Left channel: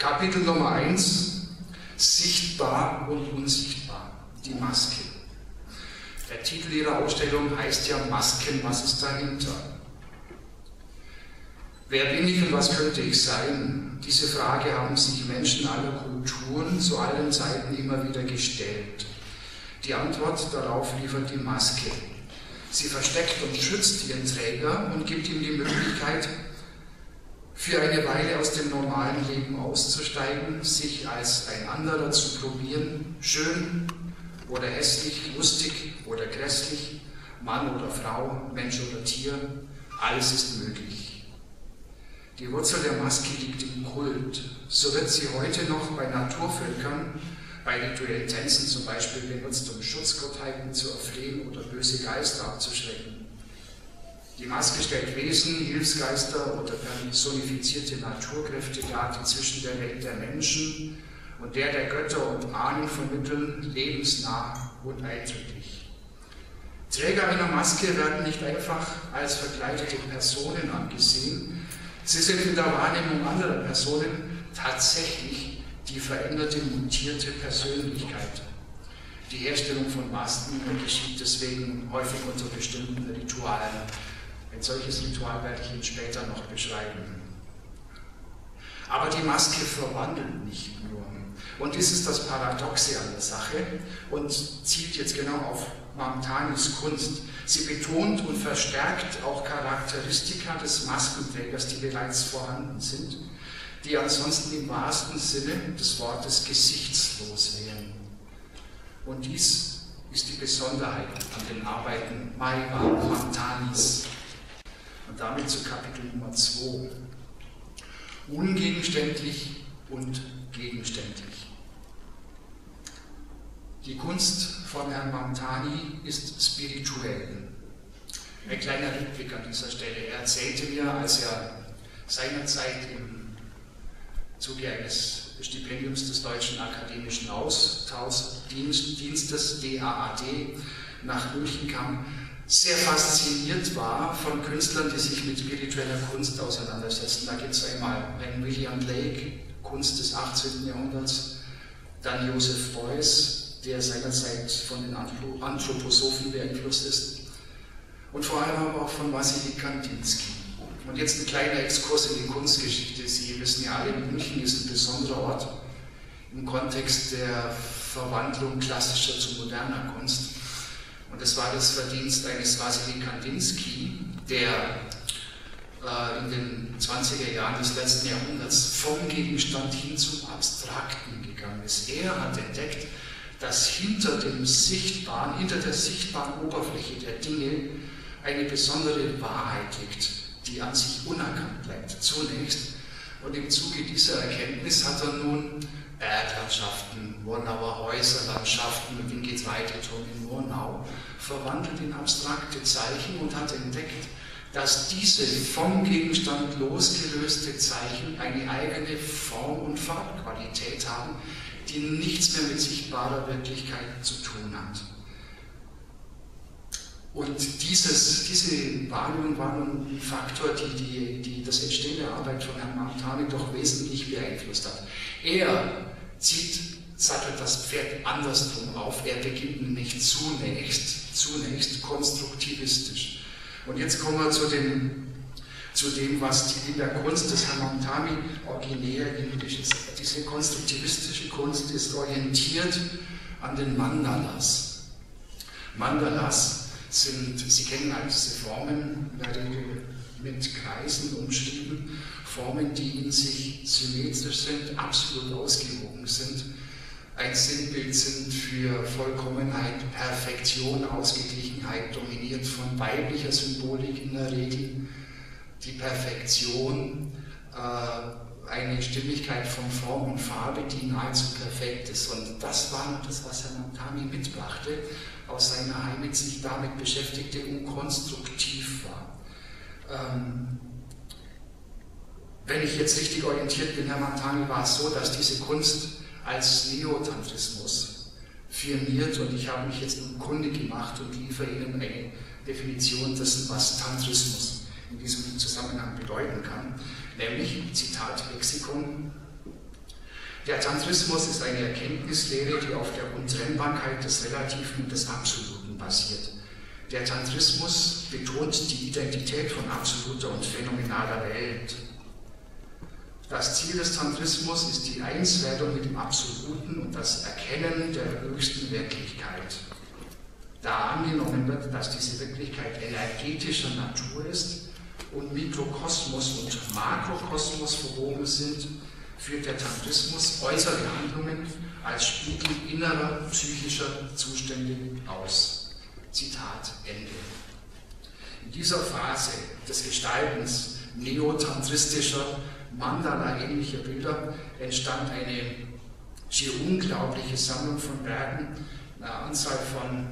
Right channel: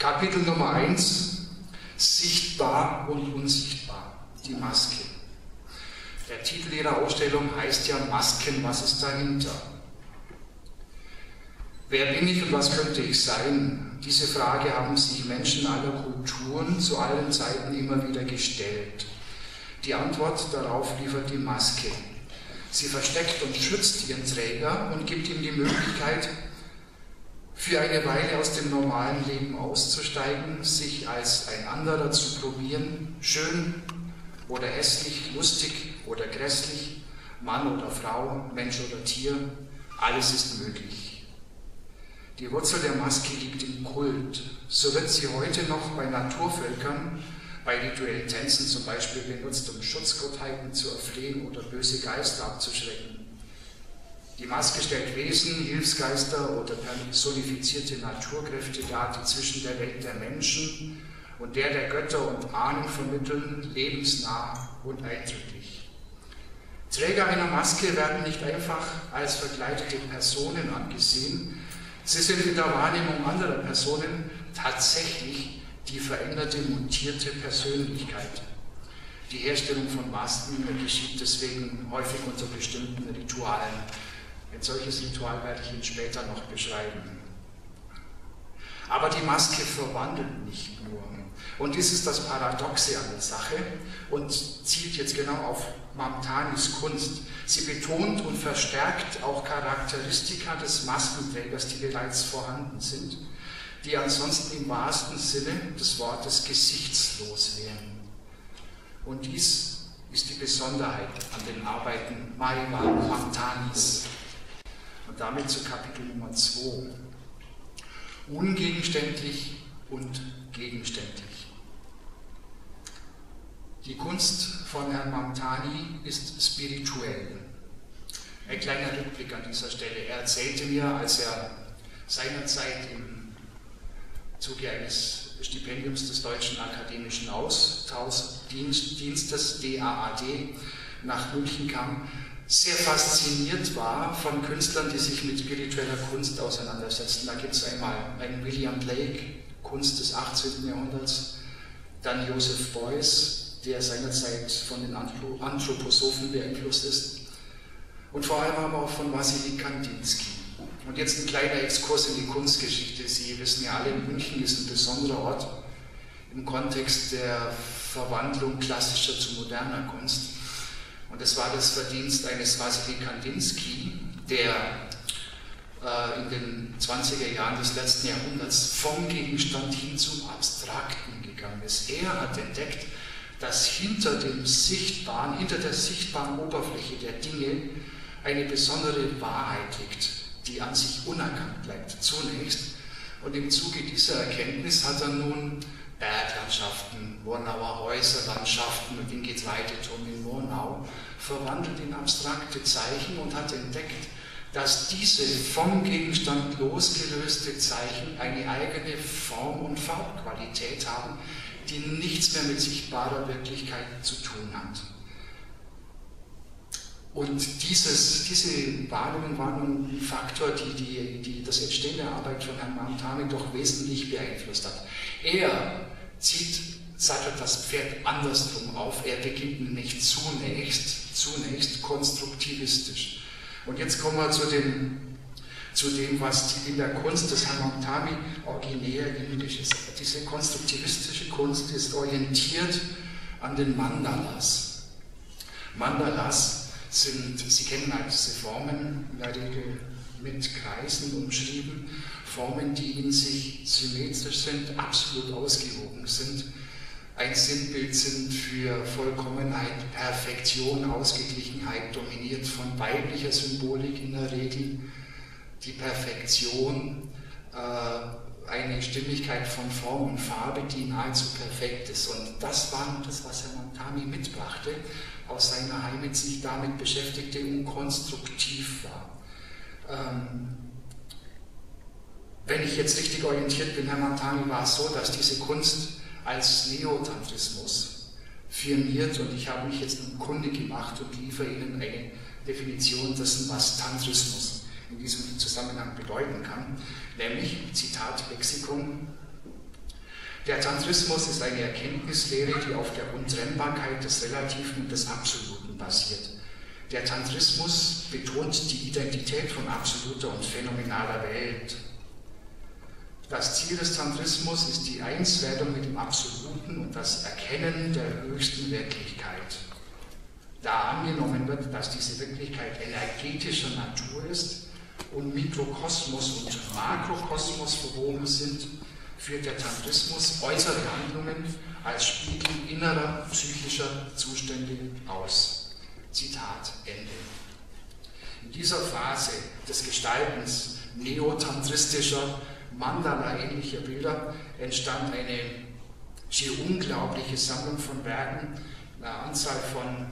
Kapitel Nummer 1, sichtbar und unsichtbar, die Maske. Der Titel Ihrer Ausstellung heißt ja Masken, was ist dahinter? Wer bin ich und was könnte ich sein? Diese Frage haben sich Menschen aller Kulturen zu allen Zeiten immer wieder gestellt. Die Antwort darauf liefert die Maske. Sie versteckt und schützt ihren Träger und gibt ihm die Möglichkeit, für eine Weile aus dem normalen Leben auszusteigen, sich als ein anderer zu probieren, schön oder hässlich, lustig oder grässlich, Mann oder Frau, Mensch oder Tier, alles ist möglich. Die Wurzel der Maske liegt im Kult. So wird sie heute noch bei Naturvölkern, bei rituellen Tänzen zum Beispiel benutzt, um Schutzgottheiten zu erflehen oder böse Geister abzuschrecken. Die Maske stellt Wesen, Hilfsgeister oder personifizierte Naturkräfte dar, die zwischen der Welt der Menschen und der Götter und Ahnen vermitteln, lebensnah und eindrücklich. Träger einer Maske werden nicht einfach als verkleidete Personen angesehen, sie sind in der Wahrnehmung anderer Personen tatsächlich die veränderte, mutierte Persönlichkeit. Die Herstellung von Masken geschieht deswegen häufig unter bestimmten Ritualen. Ein solches Ritual werde ich Ihnen später noch beschreiben. Aber die Maske verwandelt nicht nur. Und dies ist das Paradoxe an der Sache und zielt jetzt genau auf Mamtanis Kunst. Sie betont und verstärkt auch Charakteristika des Maskenträgers, die bereits vorhanden sind, die ansonsten im wahrsten Sinne des Wortes gesichtslos wären. Und dies ist die Besonderheit an den Arbeiten Mahirwan Mamtanis. Und damit zu Kapitel Nummer 2. Ungegenständlich und gegenständlich. Die Kunst von Herrn Mamtani ist spirituell. Ein kleiner Rückblick an dieser Stelle. Er erzählte mir, als er seinerzeit im Zuge eines Stipendiums des Deutschen Akademischen Austauschdienstes, DAAD, nach München kam, sehr fasziniert war von Künstlern, die sich mit spiritueller Kunst auseinandersetzten. Da gibt es einmal einen William Blake, Kunst des 18. Jahrhunderts, dann Joseph Beuys, der seinerzeit von den Anthroposophen beeinflusst ist, und vor allem aber auch von Wassily Kandinsky. Und jetzt ein kleiner Exkurs in die Kunstgeschichte. Sie wissen ja alle, München ist ein besonderer Ort im Kontext der Verwandlung klassischer zu moderner Kunst. Und es war das Verdienst eines Wassily Kandinsky, der in den 20er Jahren des letzten Jahrhunderts vom Gegenstand hin zum Abstrakten gegangen ist. Er hat entdeckt, dass hinter der sichtbaren Oberfläche der Dinge eine besondere Wahrheit liegt, die an sich unerkannt bleibt, zunächst. Und im Zuge dieser Erkenntnis hat er nun Berglandschaften, Wonauer Häuserlandschaften, und ihm geht Weideturm in Murnau, verwandelt in abstrakte Zeichen und hat entdeckt, dass diese vom Gegenstand losgelöste Zeichen eine eigene Form- und Farbqualität haben, die nichts mehr mit sichtbarer Wirklichkeit zu tun hat. Und diese Wahrnehmung war nun ein Faktor, die das Entstehen der Arbeit von Herrn Mamtani doch wesentlich beeinflusst hat. Er sattelt das Pferd andersrum auf. Er beginnt nämlich zunächst konstruktivistisch. Und jetzt kommen wir zu dem, was in der Kunst des Herrn Mamtani originär indisch ist. Diese konstruktivistische Kunst ist orientiert an den Mandalas. Mandalas sind, Sie kennen all diese Formen, in der Regel mit Kreisen umschrieben, Formen, die in sich symmetrisch sind, absolut ausgewogen sind, ein Sinnbild sind für Vollkommenheit, Perfektion, Ausgeglichenheit, dominiert von weiblicher Symbolik in der Regel, die Perfektion, eine Stimmigkeit von Form und Farbe, die nahezu perfekt ist. Und das war nun das, was Herr Mamtani mitbrachte, aus seiner Heimat sich damit beschäftigte und konstruktiv war. Wenn ich jetzt richtig orientiert bin, Herr Mamtani, war es so, dass diese Kunst als Neotantrismus firmiert, und ich habe mich jetzt nun kundig gemacht und liefere Ihnen eine Definition dessen, was Tantrismus in diesem Zusammenhang bedeuten kann, nämlich, Zitat Lexikon, Der Tantrismus ist eine Erkenntnislehre, die auf der Untrennbarkeit des Relativen und des Absoluten basiert. Der Tantrismus betont die Identität von absoluter und phänomenaler Welt. Das Ziel des Tantrismus ist die Einswerdung mit dem Absoluten und das Erkennen der höchsten Wirklichkeit. Da angenommen wird, dass diese Wirklichkeit energetischer Natur ist und Mikrokosmos und Makrokosmos verwoben sind, führt der Tantrismus äußere Handlungen als Spiegel innerer psychischer Zustände aus. Zitat Ende. In dieser Phase des Gestaltens neotantristischer, Mandala-ähnlicher Bilder entstand eine schier unglaubliche Sammlung von Werken, eine Anzahl von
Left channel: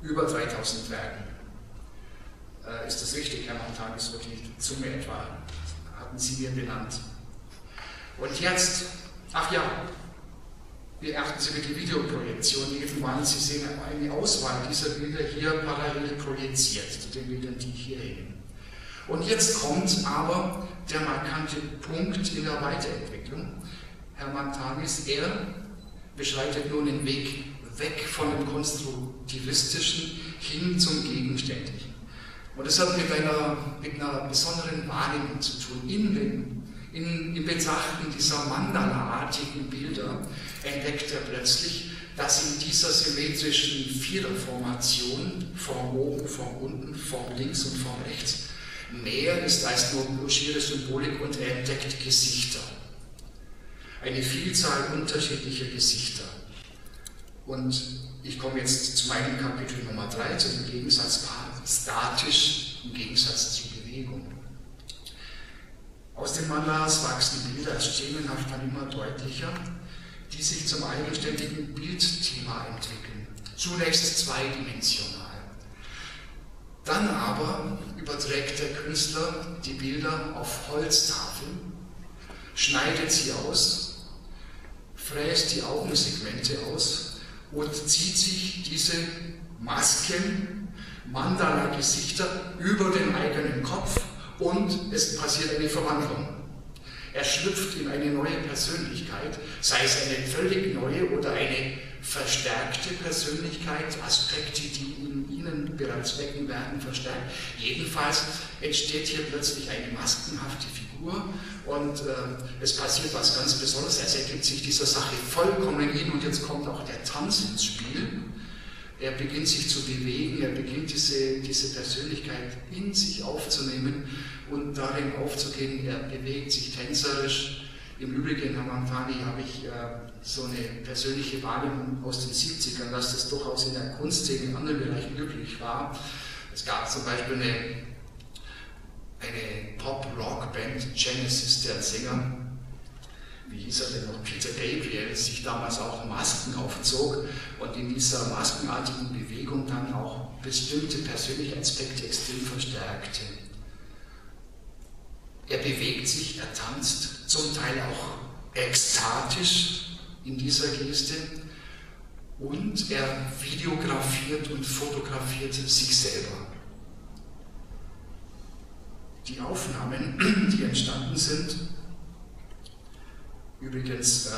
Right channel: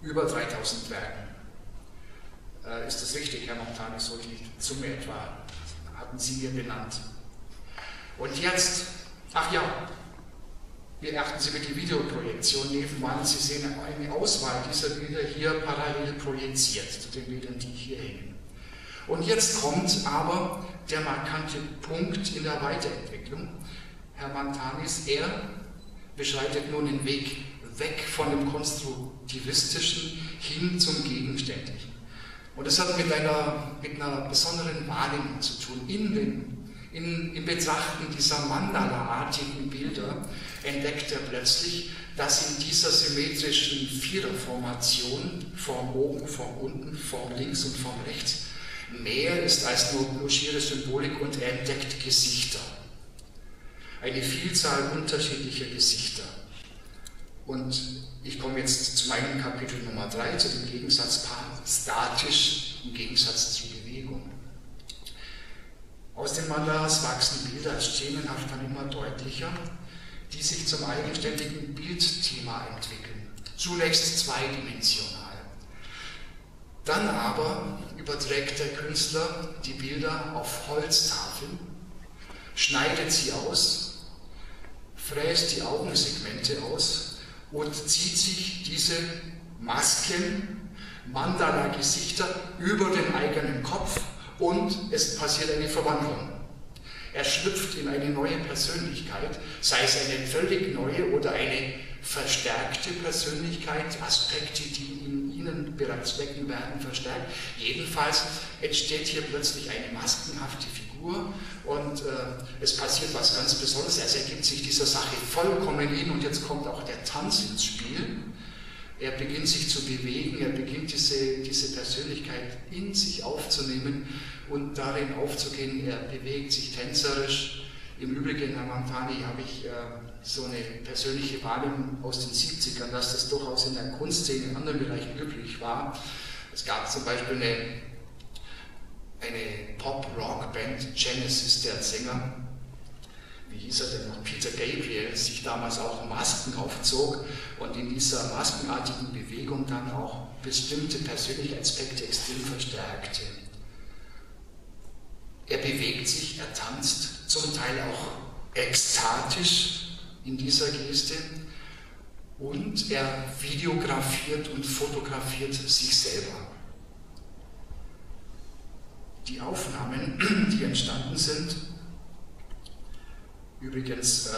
über 3000 Werken. Ist das richtig, Herr Mamtani, so die Summe etwa hatten Sie mir benannt. Und jetzt, ach ja, beachten Sie bitte Videoprojektion nebenan. Sie sehen eine Auswahl dieser Bilder hier parallel projiziert, zu den Bildern, die hier hängen. Und jetzt kommt aber der markante Punkt in der Weiterentwicklung. Herr Mamtanis, er beschreitet nun den Weg weg von dem Konstruktivistischen hin zum Gegenständlichen. Und das hat mit einer besonderen Wahrnehmung zu tun. Im Betrachten dieser Mandala-artigen Bilder entdeckt er plötzlich, dass in dieser symmetrischen Viererformation, Form oben, Form unten, Form links und Form rechts, mehr ist als nur schiere Symbolik, und er entdeckt Gesichter. Eine Vielzahl unterschiedlicher Gesichter. Und ich komme jetzt zu meinem Kapitel Nummer 3, zu dem Gegensatzpaar statisch im Gegensatz zur Bewegung. Aus den Mandalas wachsen Bilder szenenhaft dann immer deutlicher, die sich zum eigenständigen Bildthema entwickeln. Zunächst zweidimensional. Dann aber überträgt der Künstler die Bilder auf Holztafeln, schneidet sie aus, fräst die Augensegmente aus und zieht sich diese Masken, Mandala-Gesichter über den eigenen Kopf, und es passiert eine Verwandlung. Er schlüpft in eine neue Persönlichkeit, sei es eine völlig neue oder eine verstärkte Persönlichkeit, Aspekte, die in Ihnen bereits wecken werden, verstärkt. Jedenfalls entsteht hier plötzlich eine maskenhafte Figur und es passiert was ganz Besonderes. Er ergibt sich dieser Sache vollkommen hin, und jetzt kommt auch der Tanz ins Spiel. Er beginnt sich zu bewegen, er beginnt diese Persönlichkeit in sich aufzunehmen und darin aufzugehen. Er bewegt sich tänzerisch. Im Übrigen, Herr Mamtani, habe ich so eine persönliche Wahrnehmung aus den 70ern, dass das durchaus in der Kunstszene in anderen Bereichen üblich war. Es gab zum Beispiel eine Pop-Rock-Band, Genesis, deren Sänger, wie hieß er denn noch, Peter Gabriel, sich damals auch Masken aufzog und in dieser maskenartigen Bewegung dann auch bestimmte persönliche Aspekte extrem verstärkte. Er bewegt sich, er tanzt, zum Teil auch ekstatisch in dieser Geste, und er videografiert und fotografiert sich selber. Die Aufnahmen, die entstanden sind, übrigens,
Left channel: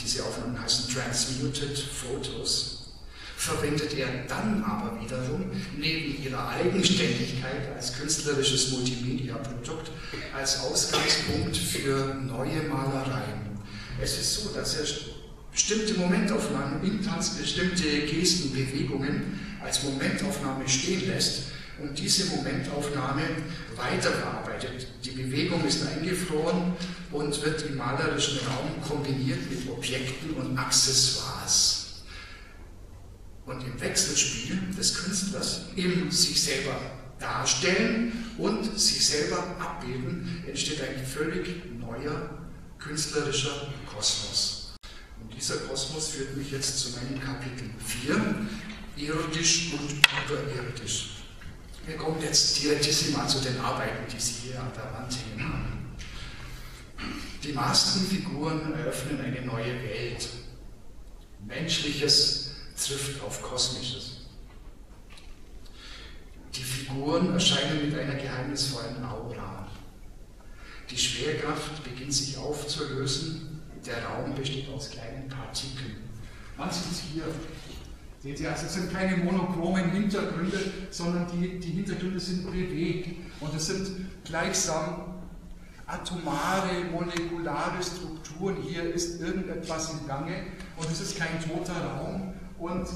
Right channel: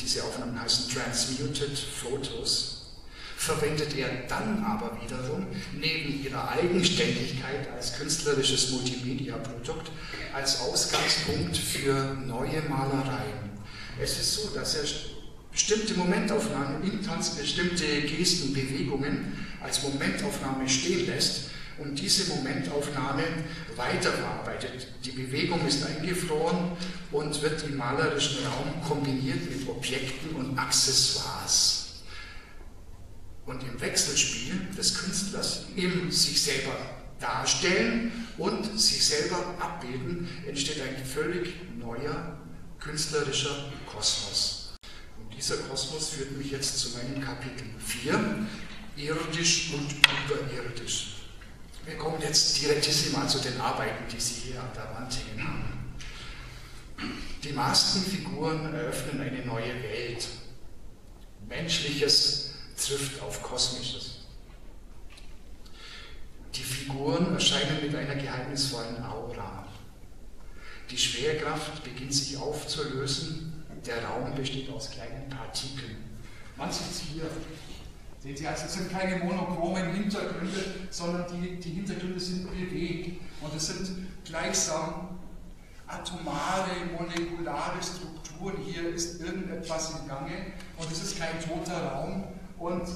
diese Aufnahmen heißen Transmuted Photos, verwendet er dann aber wiederum neben ihrer Eigenständigkeit als künstlerisches Multimedia-Produkt als Ausgangspunkt für neue Malereien. Es ist so, dass er bestimmte Momentaufnahmen im Tanz, bestimmte Gesten, Bewegungen als Momentaufnahme stehen lässt und diese Momentaufnahme weiterverarbeitet. Die Bewegung ist eingefroren und wird im malerischen Raum kombiniert mit Objekten und Accessoires. Und im Wechselspiel des Künstlers im sich selber darstellen und sich selber abbilden entsteht ein völlig neuer künstlerischer Kosmos. Und dieser Kosmos führt mich jetzt zu meinem Kapitel 4, irdisch und überirdisch. Wir kommen jetzt direktissima zu den Arbeiten, die Sie hier an der Wand hängen haben. Die Maskenfiguren eröffnen eine neue Welt. Menschliches trifft auf Kosmisches. Die Figuren erscheinen mit einer geheimnisvollen Aura. Die Schwerkraft beginnt sich aufzulösen, der Raum besteht aus kleinen Partikeln. Man sieht es hier. Sehen Sie, also es sind keine monochromen Hintergründe, sondern die Hintergründe sind bewegt. Und es sind gleichsam atomare, molekulare Strukturen. Hier ist irgendetwas im Gange und es ist kein toter Raum. Und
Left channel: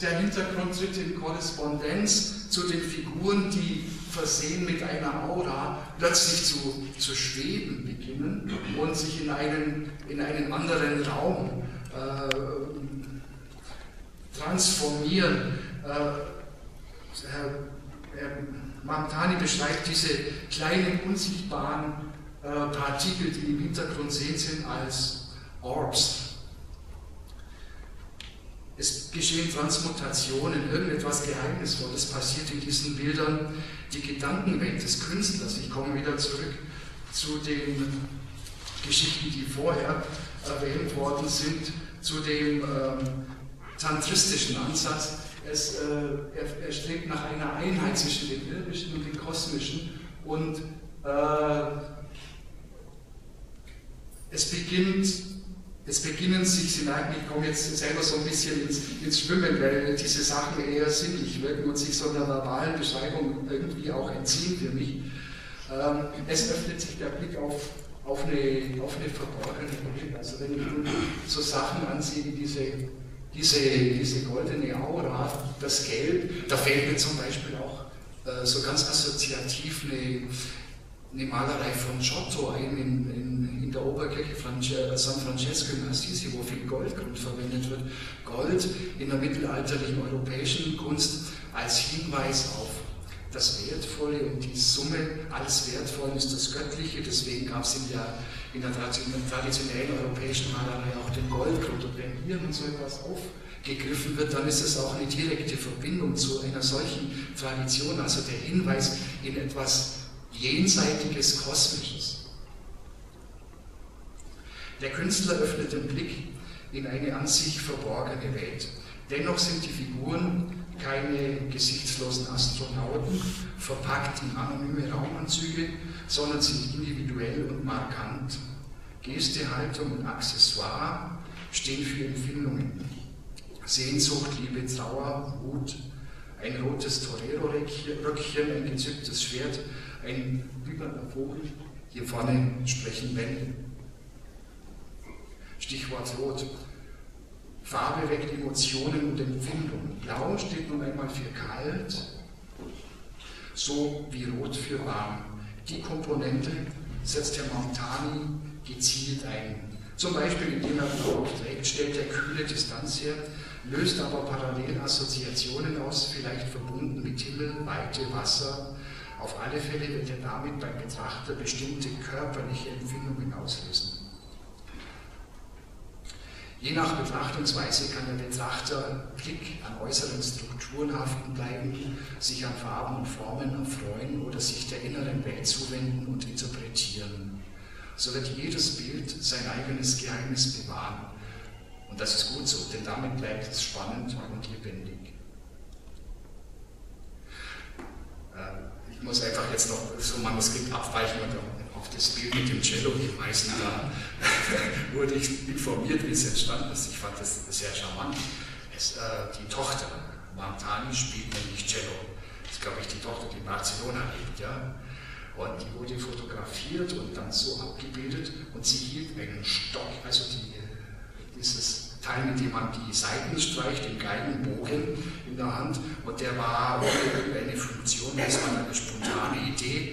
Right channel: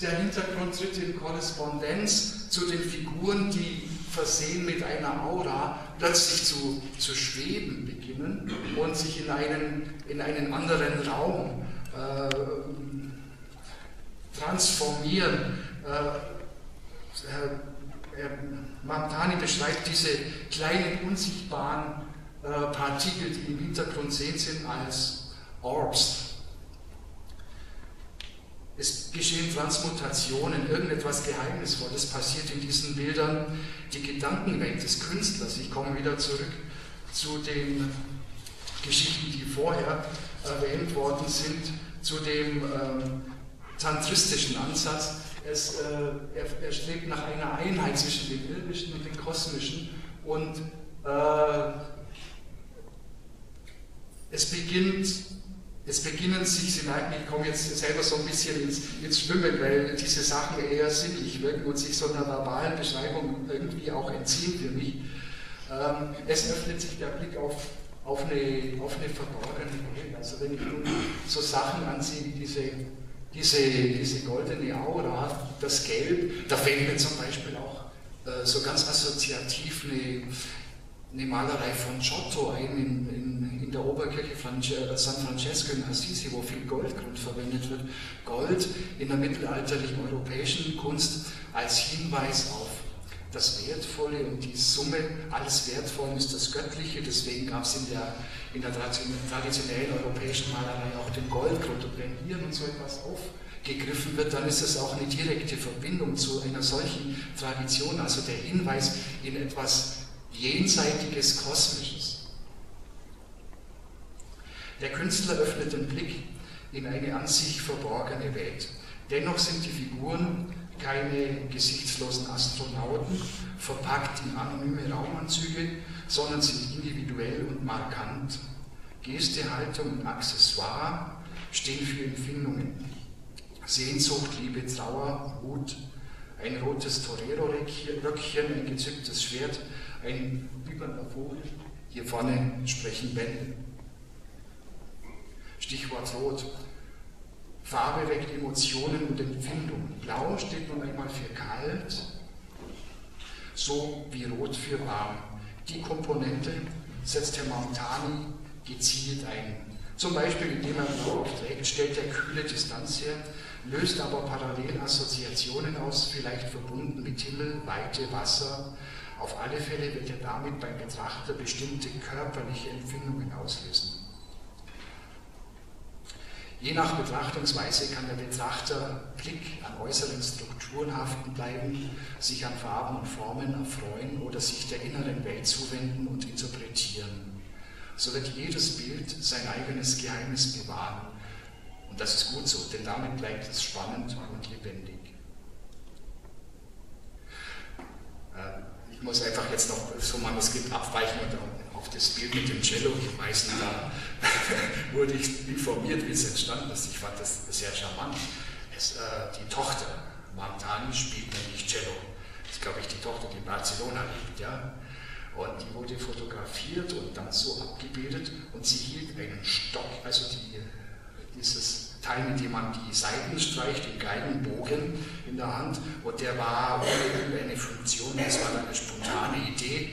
der Hintergrund tritt in Korrespondenz zu den Figuren, die versehen mit einer Aura plötzlich zu schweben beginnen und sich in einen anderen Raum transformieren. Herr Mamtani beschreibt diese kleinen unsichtbaren Partikel, die im Hintergrund sehen sind, als Orbs. Es geschehen Transmutationen, irgendetwas Geheimnisvolles passiert in diesen Bildern. Die Gedankenwelt des Künstlers, ich komme wieder zurück zu den Geschichten, die vorher erwähnt worden sind, zu dem tantristischen Ansatz. Er strebt nach einer Einheit zwischen dem Irdischen und dem Kosmischen und es beginnen sich, Sie merken, ich komme jetzt selber so ein bisschen ins Schwimmen, weil diese Sachen eher sinnlich wirken und sich so einer verbalen Beschreibung irgendwie auch entziehen für mich. Es öffnet sich der Blick auf eine verborgene Welt. Also wenn ich nun so Sachen ansehe wie diese goldene Aura, das Gelb, da fällt mir zum Beispiel auch so ganz assoziativ eine Malerei von Giotto ein in der Oberkirche San Francesco in Assisi, wo viel Goldgrund verwendet wird. Gold in der mittelalterlichen europäischen Kunst als Hinweis auf das Wertvolle und die Summe alles Wertvollen ist das Göttliche, deswegen gab es in der traditionellen europäischen Malerei auch den Goldgrund. Und wenn hier nun so etwas aufgegriffen wird, dann ist das auch eine direkte Verbindung zu einer solchen Tradition, also der Hinweis in etwas Jenseitiges, Kosmisches. Der Künstler öffnet den Blick in eine an sich verborgene Welt. Dennoch sind die Figuren keine gesichtslosen Astronauten, verpackt in anonyme Raumanzüge, sondern sind individuell und markant. Geste, Haltung und Accessoire stehen für Empfindungen. Sehnsucht, Liebe, Trauer, Wut, ein rotes Torero-Röckchen, ein gezücktes Schwert, ein wiebernder Vogel, hier vorne sprechen Wände. Stichwort Rot. Farbe weckt Emotionen und Empfindung. Blau steht nun einmal für kalt, so wie Rot für warm. Die Komponente setzt Herr Mamtani gezielt ein. Zum Beispiel, indem er Blau trägt, stellt er kühle Distanz her, löst aber parallel Assoziationen aus, vielleicht verbunden mit Himmel, Weite, Wasser. Auf alle Fälle wird er damit beim Betrachter bestimmte körperliche Empfindungen auslösen. Je nach Betrachtungsweise kann der Betrachter Blick an äußeren Strukturen haften bleiben, sich an Farben und Formen erfreuen oder sich der inneren Welt zuwenden und interpretieren. So wird jedes Bild sein eigenes Geheimnis bewahren. Und das ist gut so, denn damit bleibt es spannend und lebendig. Ich muss einfach jetzt noch so Manuskript abweichen und auf das Bild mit dem Cello hinweisen. Da wurde ich informiert, wie es entstanden ist. Ich fand das sehr charmant. Die Tochter Mamtani spielt nämlich Cello. Das ist, glaube ich, die Tochter, die in Barcelona lebt. Ja? Und die wurde fotografiert und dann so abgebildet und sie hielt einen Stock, also dieses Teil, mit dem man die Saiten streicht, den Geigenbogen in der Hand, und der war ohne irgendeine Funktion, das war eine spontane Idee,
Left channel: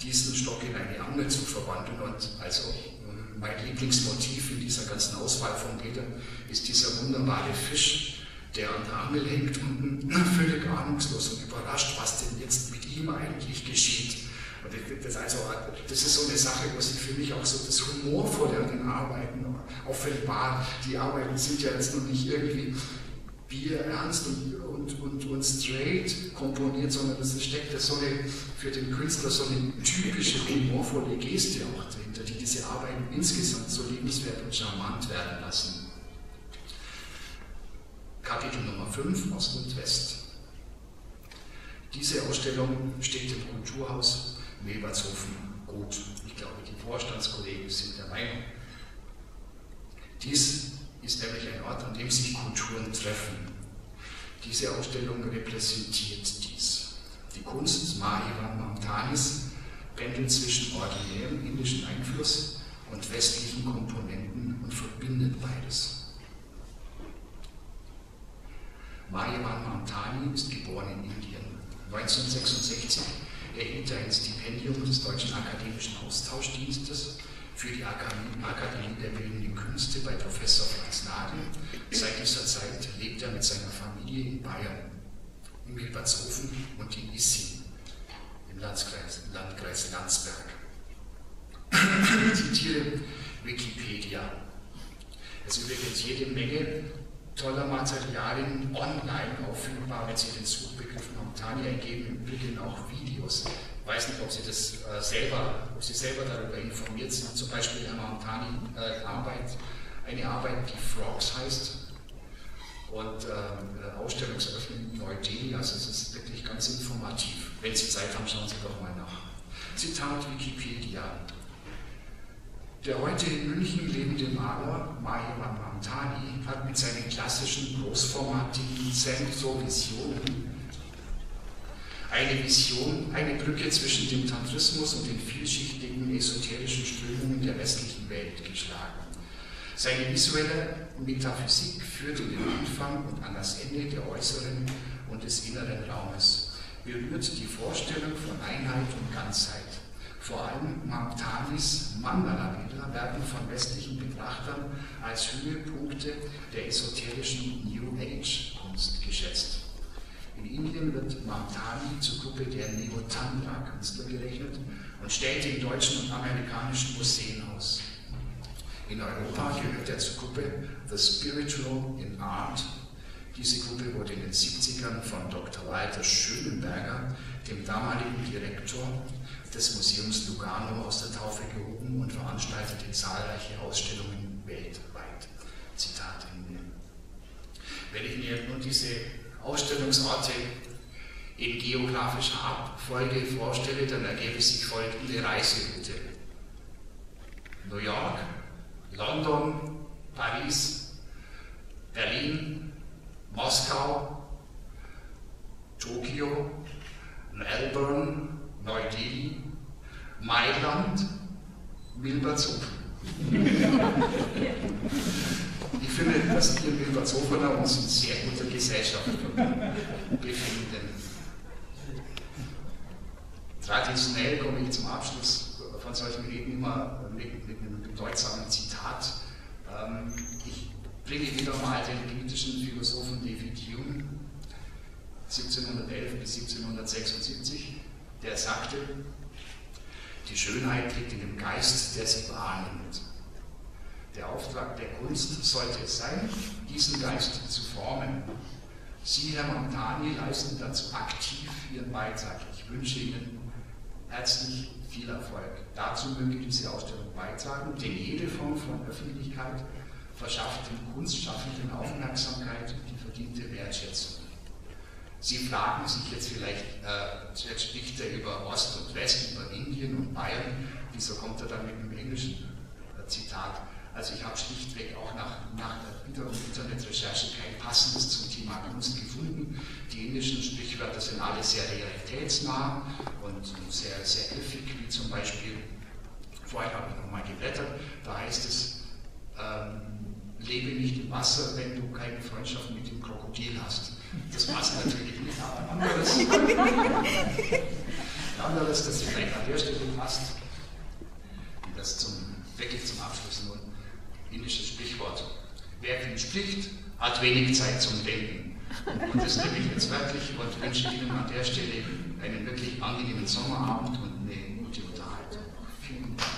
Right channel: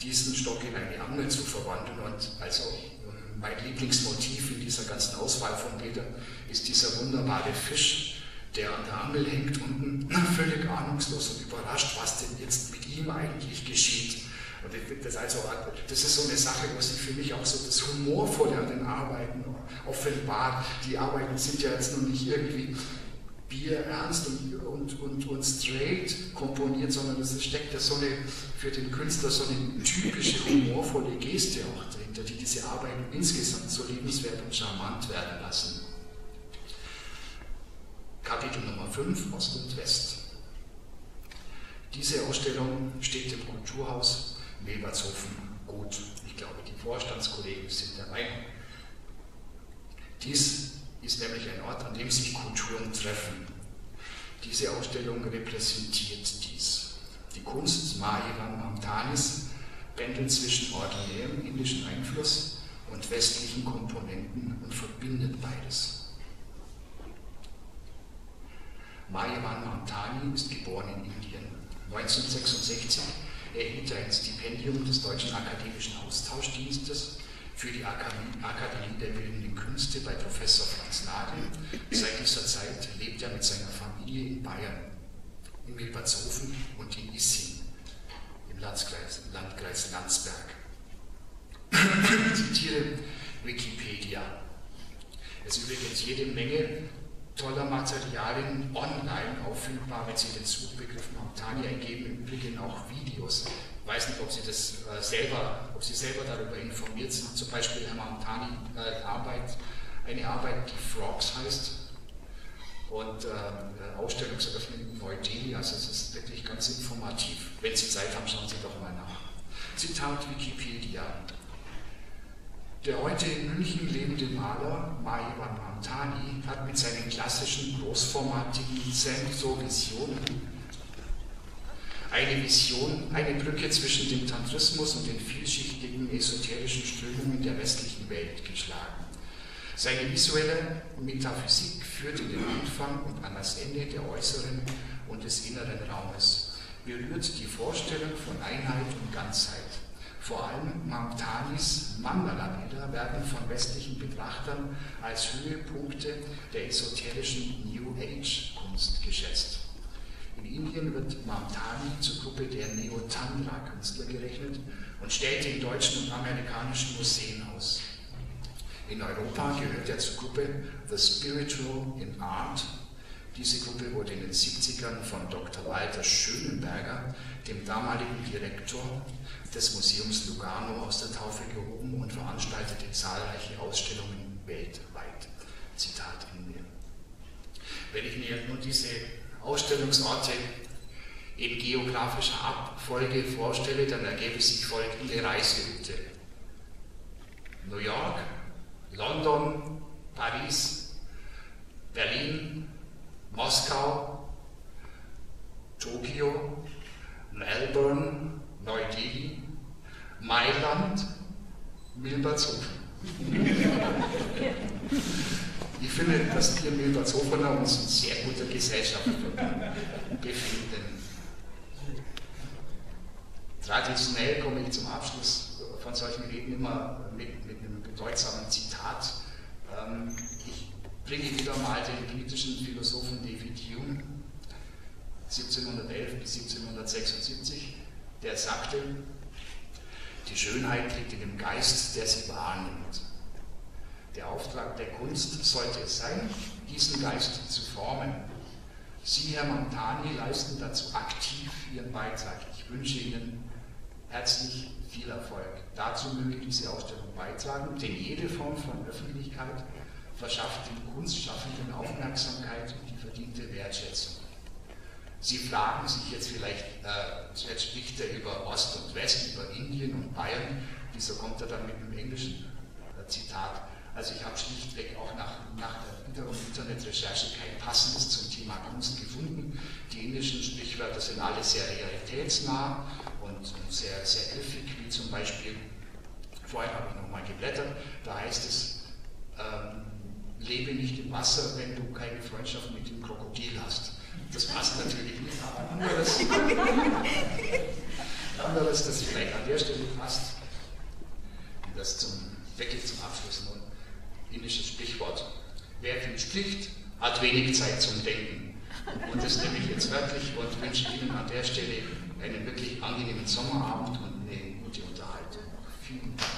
diesen Stock in eine Angel zu verwandeln. Und also mein Lieblingsmotiv in dieser ganzen Auswahl von Bildern ist dieser wunderbare Fisch, der an der Angel hängt und völlig ahnungslos und überrascht, was denn jetzt mit ihm eigentlich geschieht. Und das ist so eine Sache, wo sich für mich auch so das Humorvolle an den Arbeiten offenbart. Die Arbeiten sind ja jetzt noch nicht irgendwie bierernst und straight komponiert, sondern es steckt ja so für den Künstler so eine typische humorvolle Geste auch dahinter, die diese Arbeiten insgesamt so liebenswert und charmant werden lassen. Kapitel Nummer 5, Ost und West. Diese Ausstellung steht im Kulturhaus Milbertshofen gut. Ich glaube, die Vorstandskollegen sind der Meinung. Dies ist nämlich ein Ort, an dem sich Kulturen treffen. Diese Ausstellung repräsentiert dies. Die Kunst Mahirwan Mamtanis pendelt zwischen originärem indischen Einfluss und westlichen Komponenten und verbindet beides. Mahirwan Mamtani ist geboren in Indien. 1966 erhielt er ein Stipendium des Deutschen Akademischen Austauschdienstes für die Akademie der Bildenden Künste bei Professor Franz Nagel. Seit dieser Zeit lebt er mit seiner Familie in Bayern, in Milbertshofen und in Issing, im Landkreis Landsberg. Ich zitiere Wikipedia. Es ist übrigens jede Menge toller Materialien online auffindbar, wenn Sie den Suchbegriff Mamtani eingeben, im Übrigen auch Videos. Ich weiß nicht, ob Sie selber darüber informiert sind. Zum Beispiel Herr Mamtani eine Arbeit, die Frogs heißt, und Ausstellungseröffnung in Neu-Delhi. Also es ist wirklich ganz informativ. Wenn Sie Zeit haben, schauen Sie doch mal nach. Zitat Wikipedia. Der heute in München lebende Maler Mahirwan Mamtani hat mit seinen klassischen, großformatigen Zen-So-Visionen eine Brücke zwischen dem Tantrismus und den vielschichtigen esoterischen Strömungen der westlichen Welt geschlagen. Seine visuelle Metaphysik führt in den Anfang und an das Ende der äußeren und des inneren Raumes, berührt die Vorstellung von Einheit und Ganzheit. Vor allem Mamtanis Mandala-Bilder werden von westlichen Betrachtern als Höhepunkte der esoterischen New Age-Kunst geschätzt. In Indien wird Mamtani zur Gruppe der Neo-Tantra-Künstler gerechnet und stellt in deutschen und amerikanischen Museen aus. In Europa gehört er zur Gruppe The Spiritual in Art. Diese Gruppe wurde in den 70ern von Dr. Walter Schönenberger, dem damaligen Direktor des Museums Lugano, aus der Taufe gehoben und veranstaltete zahlreiche Ausstellungen weltweit. Zitat Ende. Wenn ich mir nun diese Ausstellungsorte in geografischer Abfolge vorstelle, dann ergebe sich folgende Reiseroute. New York, London, Paris, Berlin, Moskau, Tokio, Melbourne, Neu-Delhi, Mailand, Milbertshofen. Ich finde, dass wir Milbertshofener uns in sehr guter Gesellschaft befinden. Traditionell komme ich zum Abschluss von solchen Reden immer mit einem bedeutsamen Zitat. Ich bringe wieder mal den britischen Philosophen David Hume, 1711 bis 1776, der sagte, die Schönheit liegt in dem Geist, der sie wahrnimmt. Der Auftrag der Kunst sollte es sein, diesen Geist zu formen. Sie, Herr Mamtani, leisten dazu aktiv Ihren Beitrag. Ich wünsche Ihnen herzlich viel Erfolg. Dazu möge diese Ausstellung beitragen, denn jede Form von Öffentlichkeit verschafft dem Kunstschaffenden Aufmerksamkeit und die verdiente Wertschätzung. Sie fragen sich jetzt vielleicht, jetzt spricht er über Ost und West, über Indien und Bayern, wieso kommt er dann mit einem englischen Zitat? Also ich habe schlichtweg auch nach wiederum Internetrecherche kein passendes zum Thema Kunst gefunden. Die indischen Sprichwörter sind alle sehr realitätsnah und sehr, sehr griffig, wie zum Beispiel, vorhin habe ich nochmal geblättert, da heißt es, lebe nicht im Wasser, wenn du keine Freundschaft mit dem Krokodil hast. Das passt natürlich nicht, aber ein anderes, das vielleicht an der Stelle passt, wie das wirklich zum Abschluss nun indisches Sprichwort. Wer viel spricht, hat wenig Zeit zum Denken. Und das nehme ich jetzt wörtlich und wünsche Ihnen an der Stelle einen wirklich angenehmen Sommerabend und eine gute Unterhaltung. Vielen Dank.